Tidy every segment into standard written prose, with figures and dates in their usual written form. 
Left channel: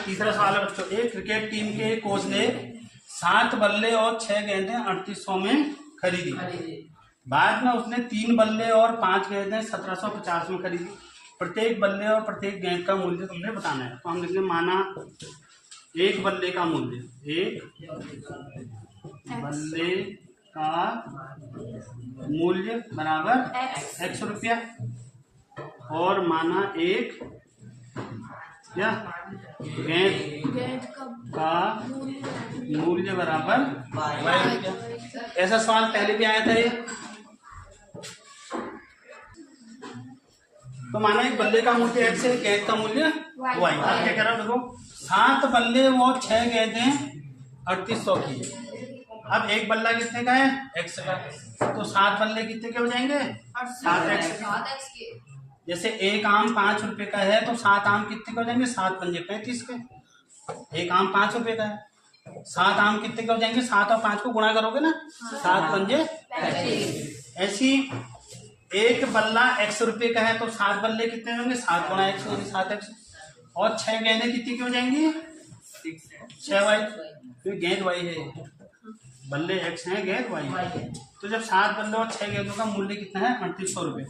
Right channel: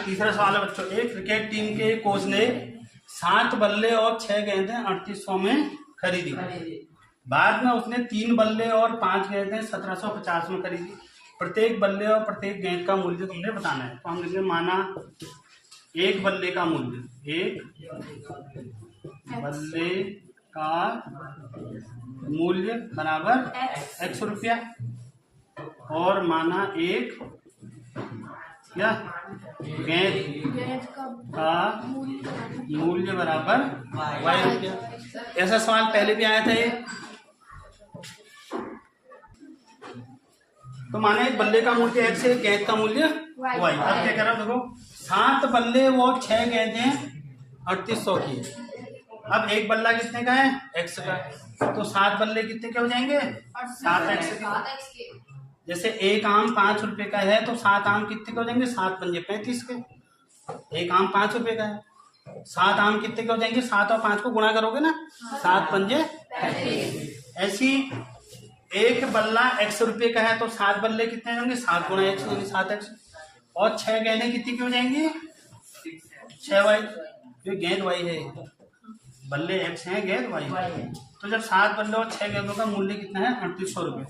तीसरा सवाल है बच्चों, एक क्रिकेट टीम के कोच ने 7 बल्ले और 6 गेंदें 3800 में खरीदी। बाद में उसने 3 बल्ले और 5 गेंदें 1750 में खरीदी। प्रत्येक बल्ले और प्रत्येक गेंद का मूल्य तुमने बताना है। तो हम लिखेंगे माना एक बल्ले का मूल्य, एक बल्ले का मूल्य बराबर x रुपया, और माना एक क्या गेंद का मूल्य बराबर y रुपया। ऐसा सवाल पहले भी आया था ये। तो माना एक बल्ले का मूल्य x है, गेंद का मूल्य y। अब क्या कह रहा है देखो, 7 बल्ले वो 6 गेंदें 3800 की। अब एक बल्ला कितने का है, x का, तो 7 बल्ले कितने के हो जाएंगे, 7x के। जैसे एक आम 5 रुपए का है तो 7 आम कितने के हो जाएंगे, 7 पंजे 35 के। एक आम 5 रुपए का है, 7 आम कितने के हो जाएंगे, 7 और 5 को गुणा करोगे ना, 7 पंजे 35। ऐसी एक बल्ला x रुपए का है तो 7 बल्ले कितने होंगे, 7 गुणा x यानी 7x, और 6 गेंदें कितनी की हो जाएंगी, 6y। तो गेंद y है, बल्ले x है, गेंद y है। तो जब 7 बल्ले और 6 गेंदों का मूल्य कितना है, 3800 रुपये।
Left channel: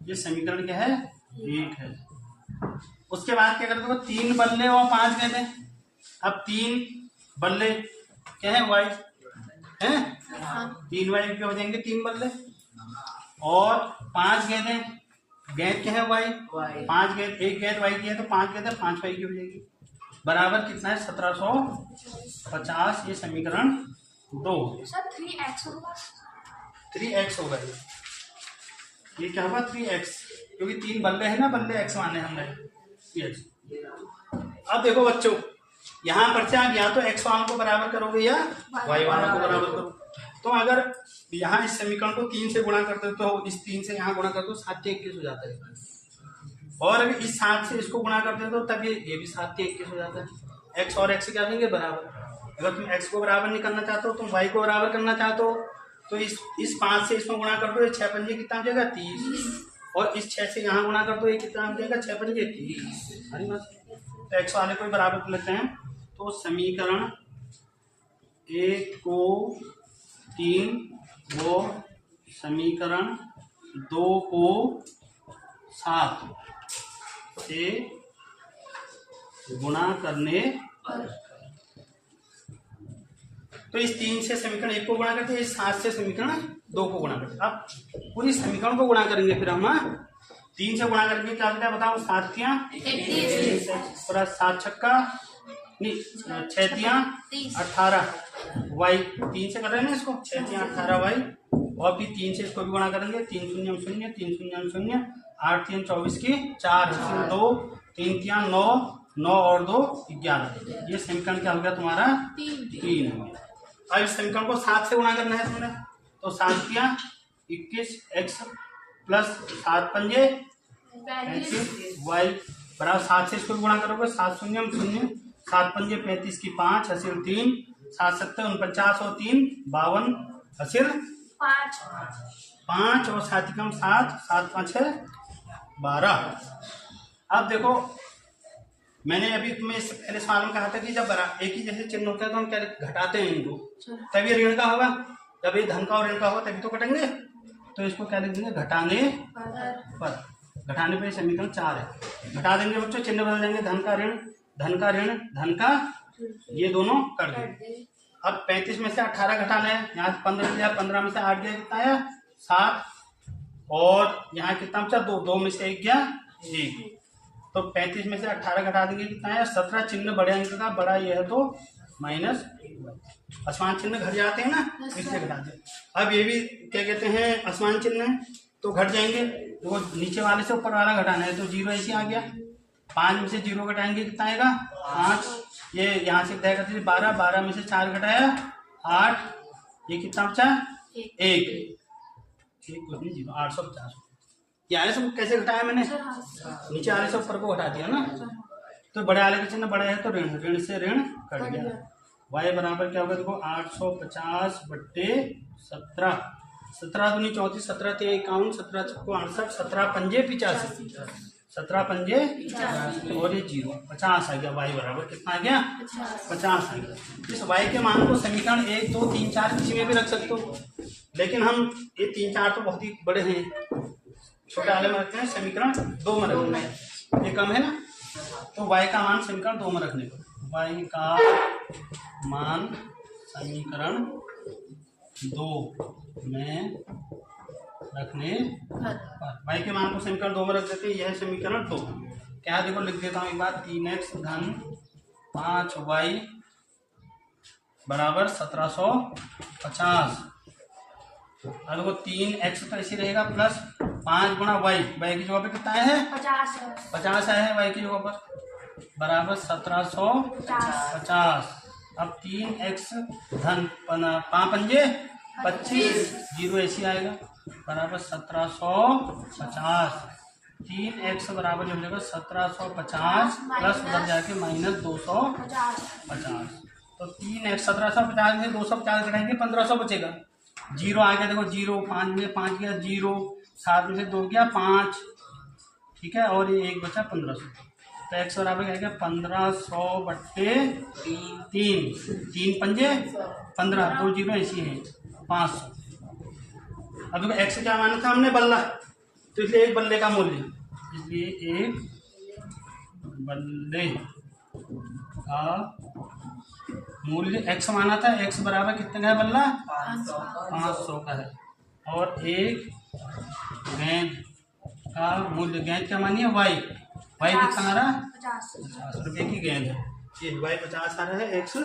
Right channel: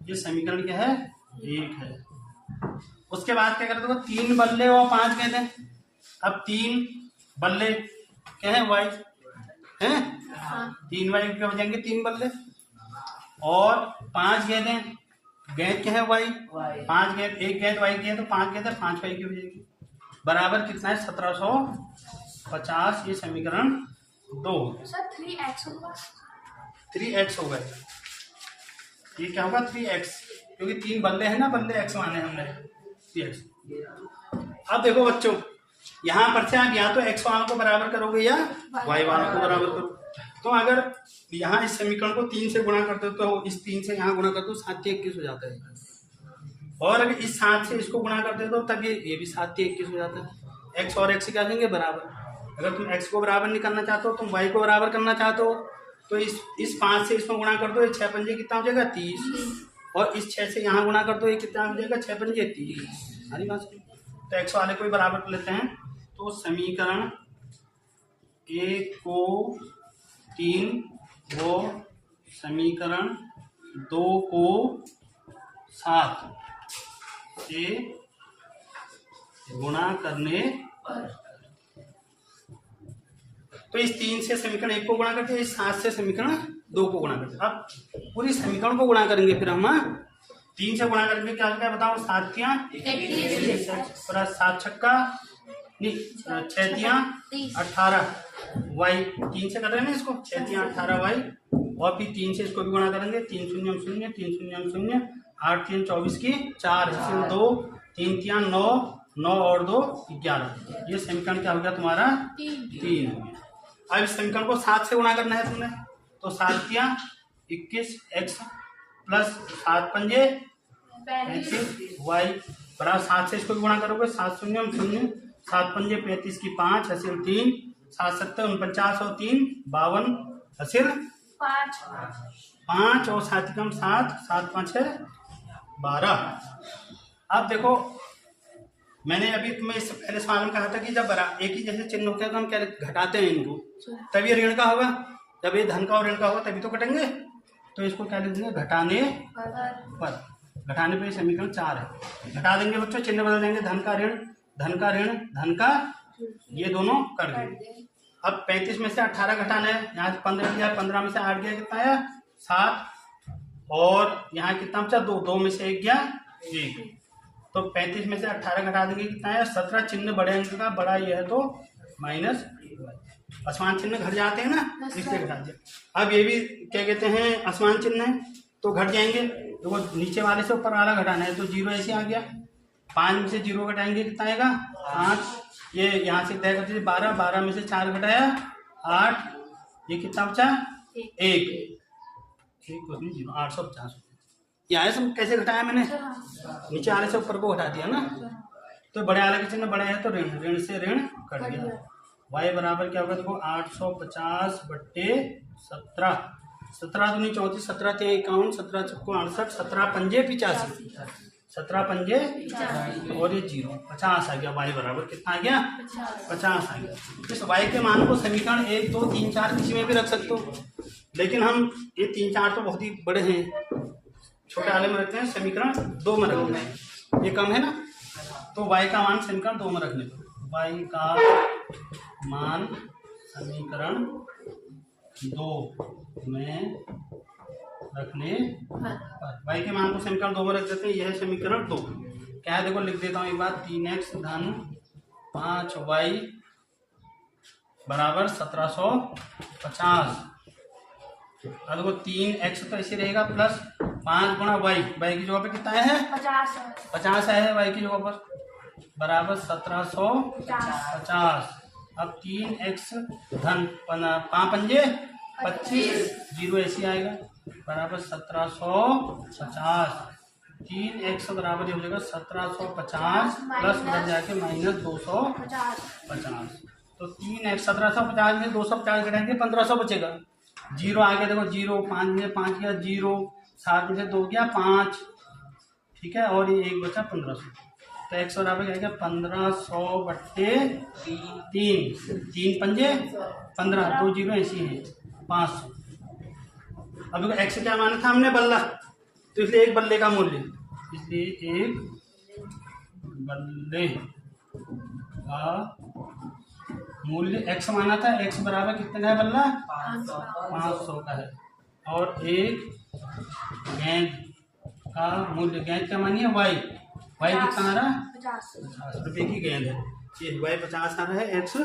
ये समीकरण क्या है, 1 है। उसके बाद क्या करते हो, 3 बल्ले और 5 गेंदें। अब 3 बल्ले क्या है, y है, 3y क्या हो जाएंगे, 3 बल्ले, और 5 गेंदें, गेंद क्या है y, 5 गेंद, एक गेंद y की है तो 5 गेंदें 5y की हो जाएगी। बराबर कितना है, 1750। ये समीकरण 2। सर 3x होगा, 3x होगा ये क्या होगा, 3x, क्योंकि 3 बल्ले हैं ना, बल्ले x माने हमने 3x। अब देखो बच्चों, यहाँ पर से आप या तो x वालों को बराबर करोगे या y वालों को बराबर करो। तो अगर यहाँ इस समीकरण को 3 से गुणा करते हो तो इस 3 से यहाँ गुणा करते हो 7 से 21 हो जाता है, और अभी इस 7 से इसको गुणा करते हो तब ये भी 7 से 21 हो जाता है। x और x क्या देंगे, बराबर। अगर तुम x को बराबर नहीं करना चाहते हो, तुम y को बराबर करना चाहते हो, तो इस 5 से इसमें गुणा कर दो, ये 6 पंजे कितना हो जाएगा, 30, और इस 6 से यहाँ गुणा कर दो, ये कितना हो जाएगा, 6 पंजे 30। तो x वाले को ही बराबर कर लेते हैं। तो समीकरण 1 को 3 वो समीकरण 2 को 7 से गुणा करने पर, तो इस 3 से समीकरण 1 को गुणा करते हैं, इस 7 से समीकरण 2 को गुणा करते हैं। अब पूरी समीकरण को गुणा करेंगे, फिर हम 3 से गुणा करके क्या क्या बताओ, 7 तियां 21, 7 छक्का नहीं 6 तियां 18 y, 3 से कर रहे हैं ना इसको, 6 तियां 18 y, और फिर 3 से इसको भी गुणा करेंगे, 3 शून्य 0, 3 शून्य 0, 8 3 24 की 4, 2 3 तियां 9, 9 और 2 11। ये समीकरण क्या हो गया तुम्हारा, 3 हो गया। अब इस समीकरण को 7 से गुणा करना है तुमने, तो 7 तियां 21 x प्लस 7 पंजे 35 y बराबर 7 से इसको गुणा करोगे, 7 शून्य 0, 7 पंजे 35 की 5 हसील 3, 7 7 49 और 3 52 हसील 5 और 7 कम 7, 7 5 है 12। अब देखो, मैंने अभी तुम्हें इससे पहले सवाल में कहा था कि जब एक ही जैसे चिन्ह होते हैं तो हम क्या घटाते हैं इनको, तभी ऋण का होगा। जब ये धन का और ऋण का होगा तभी तो कटेंगे। तो इसको क्या लिखेंगे, घटाने पर। घटाने पर समीकरण 4 है। घटा देंगे बच्चों, चिन्ह बदल जाएंगे, धन का ऋण, धन का ऋण, धन का, ये दोनों कर देंगे। अब 35 में से 18 घटाना है, यहाँ 15 दिया, 15 में से 8 गया, कितना आया 7, और यहाँ कितना बचा 2, 2 में से 1 गया 1, तो 35 में से 18 घटा देंगे, कितना है 17। चिन्ह बड़े अंक का, बड़ा यह है तो माइनस, असमान चिन्ह घट जाते हैं ना, इसलिए घटा दिया। अब ये भी क्या कहते हैं, असमान चिन्ह है तो घट जाएंगे, तो वो नीचे वाले से ऊपर वाला घटाना है, तो 0 ऐसे आ गया। 5 में से 0 घटाएंगे, कितना आएगा 5, ये यहाँ से तय करते 12, 12 में से 4 घटाया 8, ये कितना बचा 1, 0 850। ये आले से कैसे घटाया मैंने, नीचे आले से ऊपर को घटा दिया ना। तो बड़े आले का चिन्ह बड़ा है तो ऋण, ऋण से ऋण कट गया। y बराबर क्या होगा देखो, 850 बट्टे 17, 17 दूनी 34, 17 ते 51, 17 चक्को 68, 17 पंजे 85, 17 पंजे और ये 0, 50 आ गया। y बराबर कितना आ गया? 50 आ गया। इस y के मान को समीकरण 1, 2, 3, 4 किसी में भी रख सकते हो, लेकिन हम ये 3, 4 तो बहुत ही बड़े हैं, छोटे वाले में रखते हैं। समीकरण 2 में रखना है, ये कम है ना, तो y का मान समीकरण 2 में रखने पर y का मान समीकरण 2 में रखने पर y के मान को समीकरण 2 में रख देते हैं। यह समीकरण 2 क्या है? देखो लिख देता हूँ एक बार, 3x धन 5y बराबर 1750। अब देखो 3x तो ऐसे रहेगा प्लस 5 गुणा y की जगह पे कितना है? 50 है y की जगह पर, बराबर 1750। अब 3x धन 5 पंजे 25, 0 ऐसे आएगा, बराबर 1750। 3x बराबर हो जाएगा 1750 प्लस उधर जाके माइनस 250। तो 3x 1750 में 250 घटाएंगे 1500 बचेगा। 0 आ गया, देखो 0, 5 में 5 गया 0, 7 में से 2 गया 5, ठीक है, और ये 1 बचा 1500। तो x बराबर क्या गया? 1500 बट्टे 3 पंजे 15, 2 0 ऐसी है 500। अब देखो x क्या माना था हमने? बल्ला, तो इसलिए एक बल्ले का मूल्य, इसलिए एक बल्ले का मूल्य x माना था। x बराबर कितने का है बल्ला? 500 का है। और एक गेंद का मूल्य, गेंद का मानिए y कितना आ रहा है? 50 रुपये की गेंद है। ये y 50 आ रहा है, x